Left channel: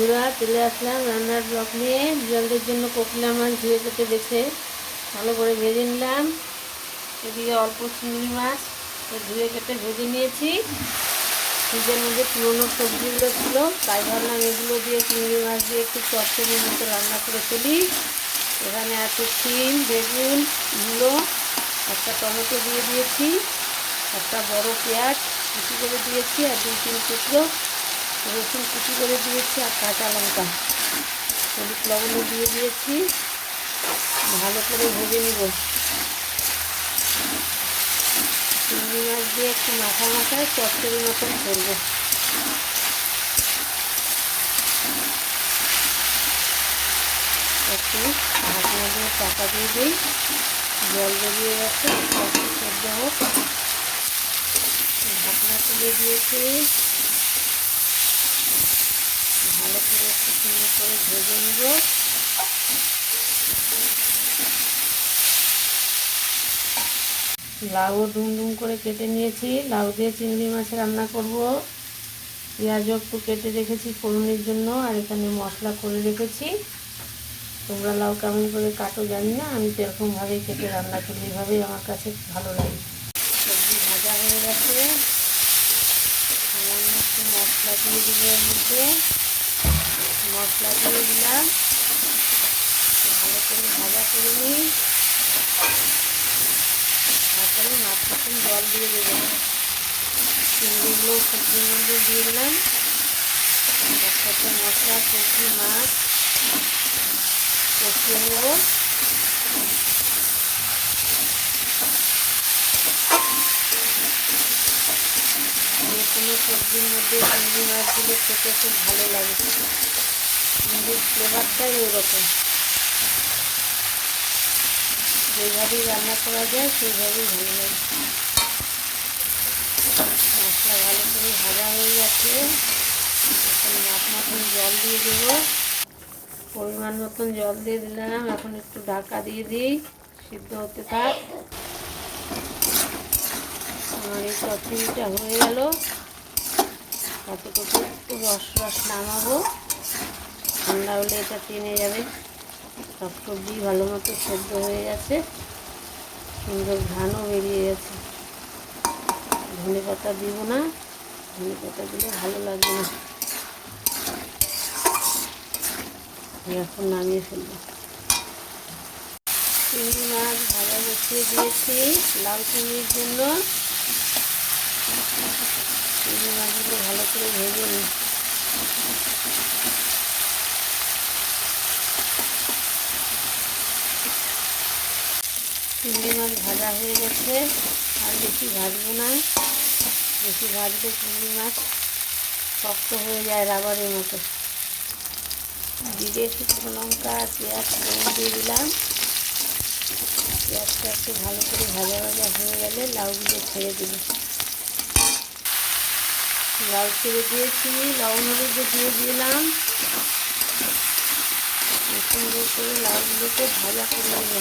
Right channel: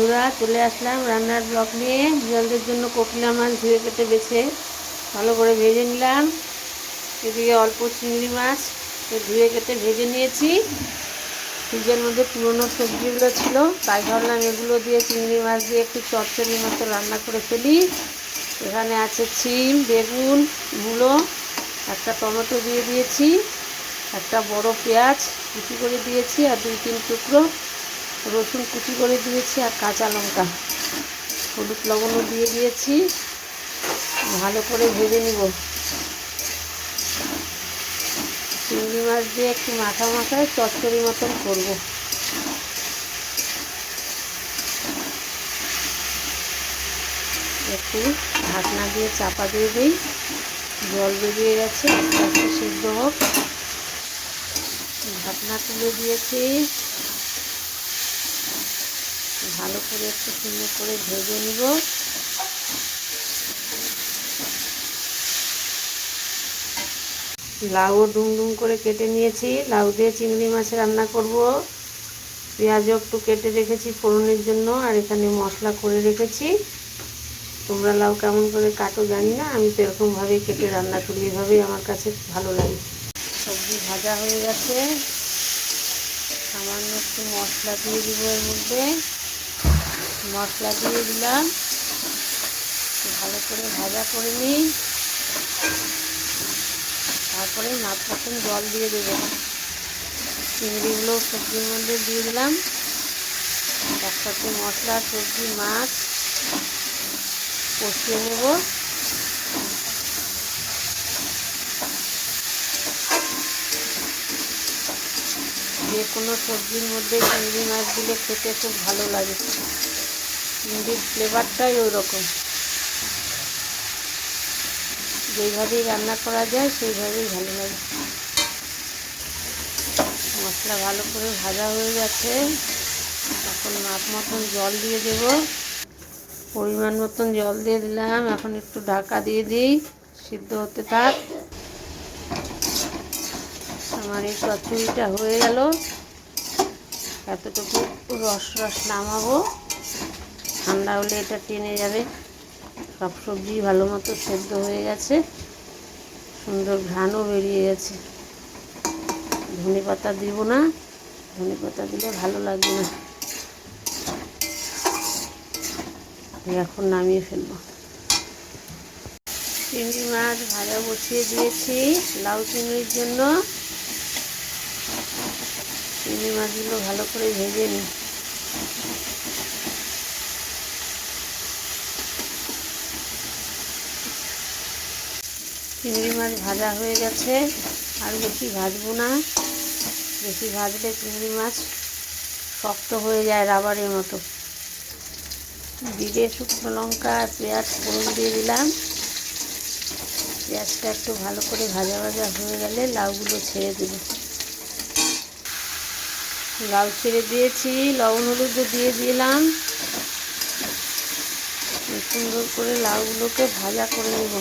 বন্ধুরা, চলে আসলাম রান্নার ব্লগ নিয়ে। জলদের জন্য কোকিলা মাছ ধুয়ে কেটে বেছে ভালো করে ভেজে নিলাম। এদিকে অল্প চিংড়ি মাছ ধুয়ে কেটে ভেজে নিয়েছি। ফ্রিজের মধ্যে পুরনো সবজিগুলো ছিল, তাই ভাবলাম এগুলো দিয়ে চিংড়ি মাছ দিয়ে একটু চচ্চড়ির মতো রান্না করে ফেলি। এখানে আছে শিম, বেগুন, মূলো, একটা টমেটো দিয়ে দিয়েছি, একটা বড় পেঁয়াজ কুচি করে দিয়েছি, আর 2-3 টুকরো রসুন কুচি করে দিয়েছি, আর কাঁচা লঙ্কা, হলুদ লবণও দিয়ে দিয়েছি। ভালো করে ভেজে নিব। চিংড়ি মাছ দিয়ে একটু মাখা মাখায় চচ্চড়ি মতন করব। একটু ঢাকনা দিয়ে চাপা দিয়ে দিই। জল বেরিয়ে গেছে, আস্তে আস্তে সেদ্ধ হোক। ঢাকনা তুলে দিয়েছি। ভালো করে একটু সুন্দর করে ভেজে নিব। লাউ ডুম করে কেটে নিয়েছি। লাউ দিয়ে চিংড়ি মাছ রান্না করব। পেঁয়াজও একটু কেটে রেখেছি ফোড়নের জন্য, আর এখানে মশলা করে রেখেছি। তোমরা লাউ কেমন করে কাটো জানি না, আমি তো এরকমভাবেই কেটে রান্না করি, এভাবেই আমার কাছে ভালো লাগে। সবজি ভাজা হয়ে গেছে। সামান্য একটু মশলা দিয়ে দিব এর মধ্যে। মশলা দিয়ে দিলাম, ভালো করে ভাজা করে নিই। তারপরে মাছ মতন জল দিয়ে দেবো। চিংড়িগুলো সবজির মধ্যে দিয়ে দিলাম। তার সাথে মশলা, সবজি, মাছ কষিয়ে নেব। যে কোনো সবজির মধ্যে চিংড়ি মাছ দিলে খেতে খুব ভালো লাগে। চিংড়ির ফ্লেভারটাই ওই রকম। যেইভাবেই রান্না করা যায় সেইভাবেই ভালো লাগে। মশলা ভালো করে ভাজা হয়ে গেছে। এখন মাপ মতন জল দিয়ে দেব। পরিমাণ মতন জল দিয়ে দিলাম। এখন একটু ঢাকা দিয়ে দিই, সিদ্ধ হতে থাক। আমার এই চচ্চড়িটা হয়ে গেল। এতটুকু রস নামাবো। ঠান্ডা হলে এটা টেনে যাবে। সব সবজি ভালো মতো সেদ্ধ হয়ে গেছে, সুন্দর ঘ্রাণও বেরিয়ে গেছে। ধনে পাতা দিব না, ধনে পাতা দিলে ভালো লাগবে না। এখন নামিয়ে ফেলবো। চিংড়ি মাছ ভাজা বসিয়ে দিয়েছি লাউ চিংড়ির জন্য। চিংড়ি মাছগুলো ভালো করে ভেজে নিই। চিংড়ি মাছ ভাজা হয়ে গেছে, আর বেশি ভাজবো না। বেশি ভাজলে চিংড়ি মাছ শক্ত হয়ে যায়, রাবারের মতো। জিরে, শুকনো লঙ্কা আর পেঁয়াজ ফোড়ন দিয়ে দিলাম। পেঁয়াজটা একটু ভালো করে ভাজা ভাজা হয়ে গেলে লাউগুলো ছেড়ে দেব। লাউ ছেড়ে দিয়েছি, লবণ হলুদও দিয়ে দিলাম। সুন্দর করে লাউগুলোকে ভাজা করে নেব।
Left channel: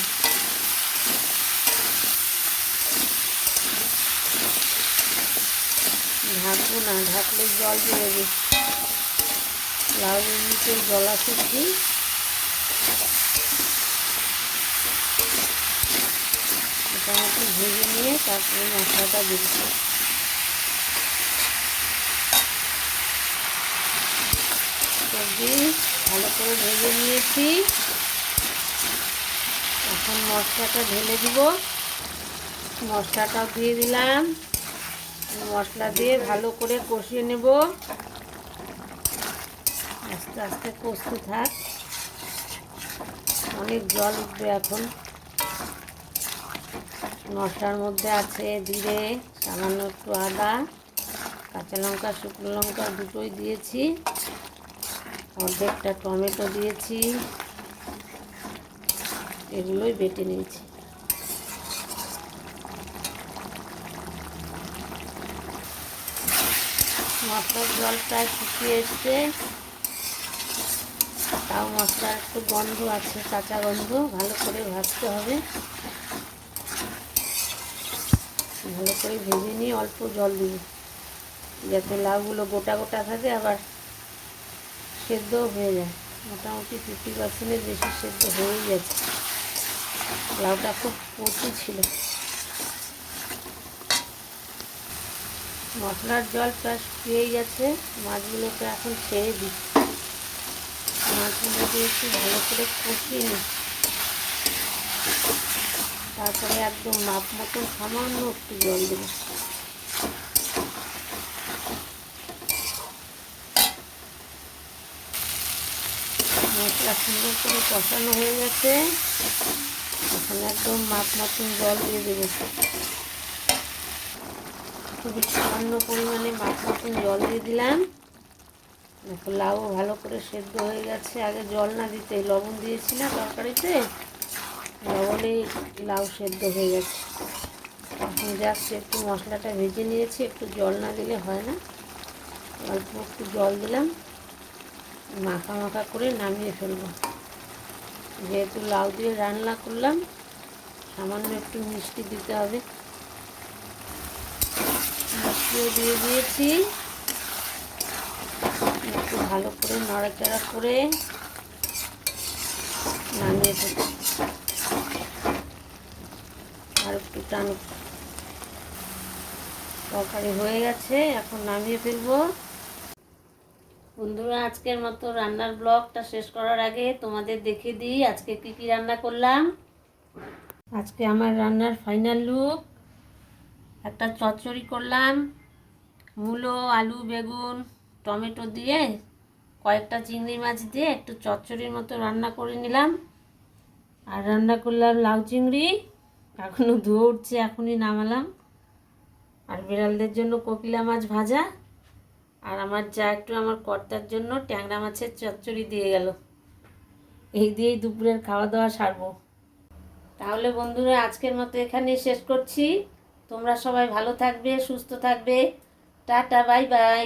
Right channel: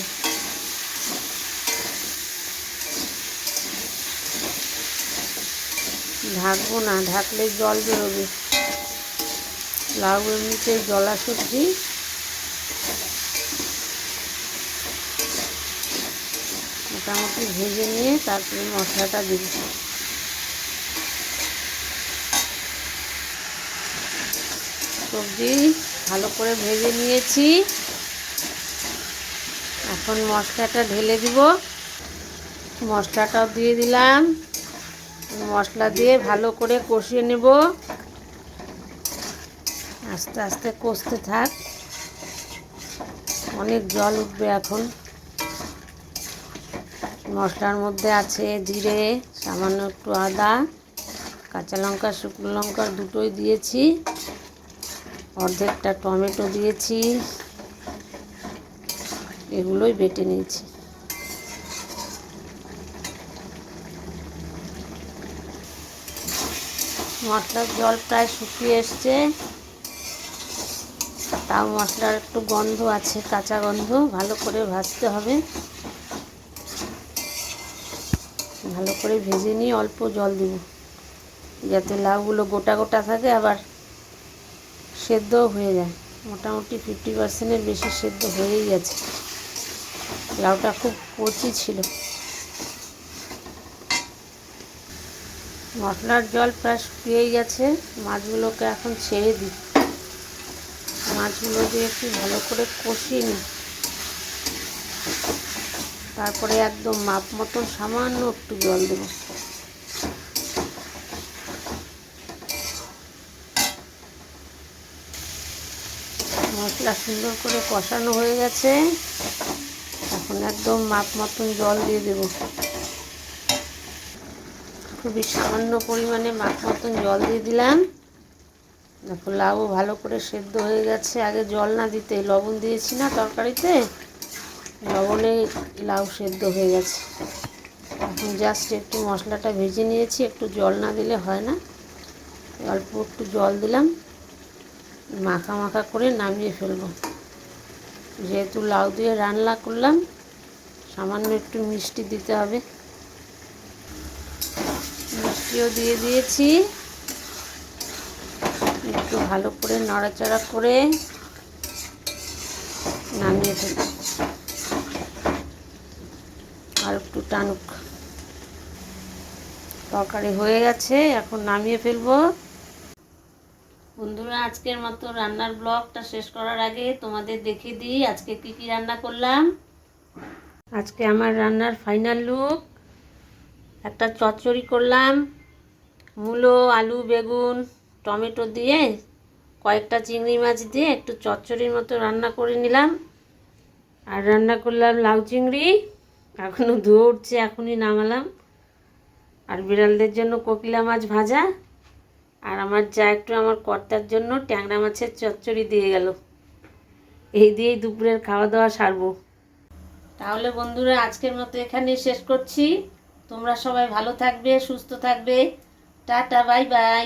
ঢাকবো না, ঢাকলে জল বেরোবে। লাউ এমনিতে জলা সবজি। মোটামুটি ভেজে নিয়ে তারপরে মশলাটা দেব। সবজি ভালো করে ভেজে নিয়েছি। এখন মশলাটা ঢেলে দিব। মশলাটাও দিয়ে দিলাম। মশলা দিয়ে ভালো করে কষিয়ে নেব। আস্তে আস্তে কষতে থাক, অনেক জল উঠবে এখন। মশলার মধ্যে আছে জিরে, সামান্য একটু আদা, কাঁচা লঙ্কা, শুকনো লঙ্কা দুটোই দিয়েছি, অর্ধেকটা টমেটো দিয়েছি। এগুলোই বেটে নিয়েছি। মশলার জল প্রায় শুকিয়ে এসছে, তাও মশলার একটু গন্ধ আছে, কাঁচা গন্ধ। ভালো করে ভাজতে হবে। ভালো করে ভেজে নিয়ে অল্প জল দিব, যাতে লাউগুলো গোটা গোটা থাকে, আবার সেদ্ধও হয়ে যায়, মোটামুটি 50%-এর বেশি সেদ্ধ হয়েই গেছে। লাউটা খুব কচি ছিল। মশলার জল প্রায় শুকিয়েই গেছে। মাছগুলোকে এখন ছেড়ে দিই। মাছগুলো দিয়ে একটু ভালো করে কষিয়ে নিই। তারপরে একদম মাপ মতন সামান্য একটু জল দেবো। মশলা সুন্দর করে কষানো হয়ে গেছে। এখন একদম মাপ মতন জল দিয়ে দেবো। খুবই সামান্য পরিমাণে মাপ মতন জল দিয়ে দিলাম। দেখো লাউ ভালো করে সেদ্ধ হয়ে গেছে। আগে জল না দিতে লবণ দিয়েছি না তরকারিতে, লবণে লাউ সেদ্ধ হয়ে গেছে। এখন জাস্ট একটু মশলাটা ভেজে নিয়েছি, একটু জল না দিলে হয় না। অল্প একটু জল দিলাম, মাখা মাখা করে নামিয়ে ফেলবো। যেহেতু লাউ দিয়ে রান্না করলাম, সামান্য একটু মিষ্টি দিতে হবে। মিষ্টিও দিয়ে দিয়েছি। একটু ভালো করে নাড়াচাড়া করে নামিয়ে ফেলবো। আর একটু টানুক। তরকারি হয়ে গেছে, এখন নামিয়ে ফেলবো। বন্ধুরা, আজকের মতো রান্নার ব্লগটা শেষ করার আগে তোমাদের দেখিয়ে দিই আজকে কি কি রান্না করলাম। আজকে আমার রান্নার ফাইনাল লুক। একটা চচ্চড়ি করলাম, মূলো, আলু, বেগুন, টমেটো দিয়ে কয়েকটা চিংড়ি মাছ দিয়ে একটু চচ্চড়ির মতো রান্না করে নিলাম। আর রান্না করলাম লাউ চিংড়ি, এখনও ধুয়ে উঠছে, এখনই নামালাম। আর বিড়ালদের জন্য কোকিলা মাছ ভাজা। আর আমার যা একটু আমার কর্তার জন্য ট্যাংরা মাছের চচ্চড়ি দিয়ে গেল। এই দিয়েই দুপুরের খাওয়া দাওয়া সারবো। তাহলে বন্ধুরা, আজকের মতো এখানেই শেষ করছি। তোমরা সবাই ভালো থাকবে, সুস্থ থাকবে। Tata, bye bye.